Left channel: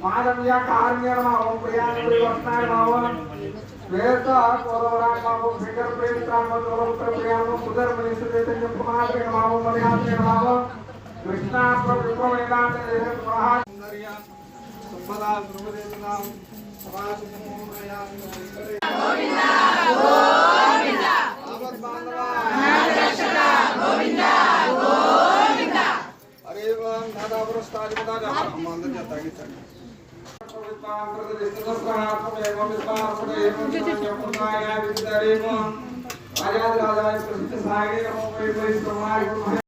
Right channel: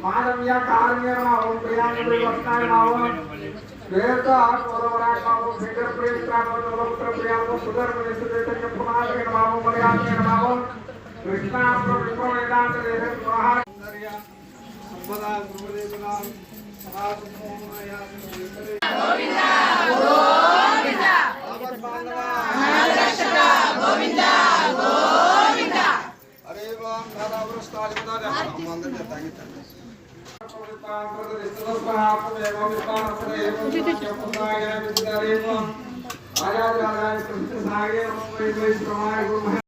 माधव्या कारणीयमावो प्रियांगुली वस्तायमावो वेदा कोरवरामावो figure प्रेत्रामो लोकत्र प्रियांगो सुदर मिलिसिदेतन्य प्रमादमावो मर्यादमावो कृष्णा प्रविवेदांत देह स्वाहा नरिया संपदा गुरुदेवना समाज मोहनया गोविंदा गोविंदा आमद बांधवा रक्षक गोविंदा गोविंदा अरे वाह दादा प्रस्ताव दादा हम अंदर जाता है राजा राजा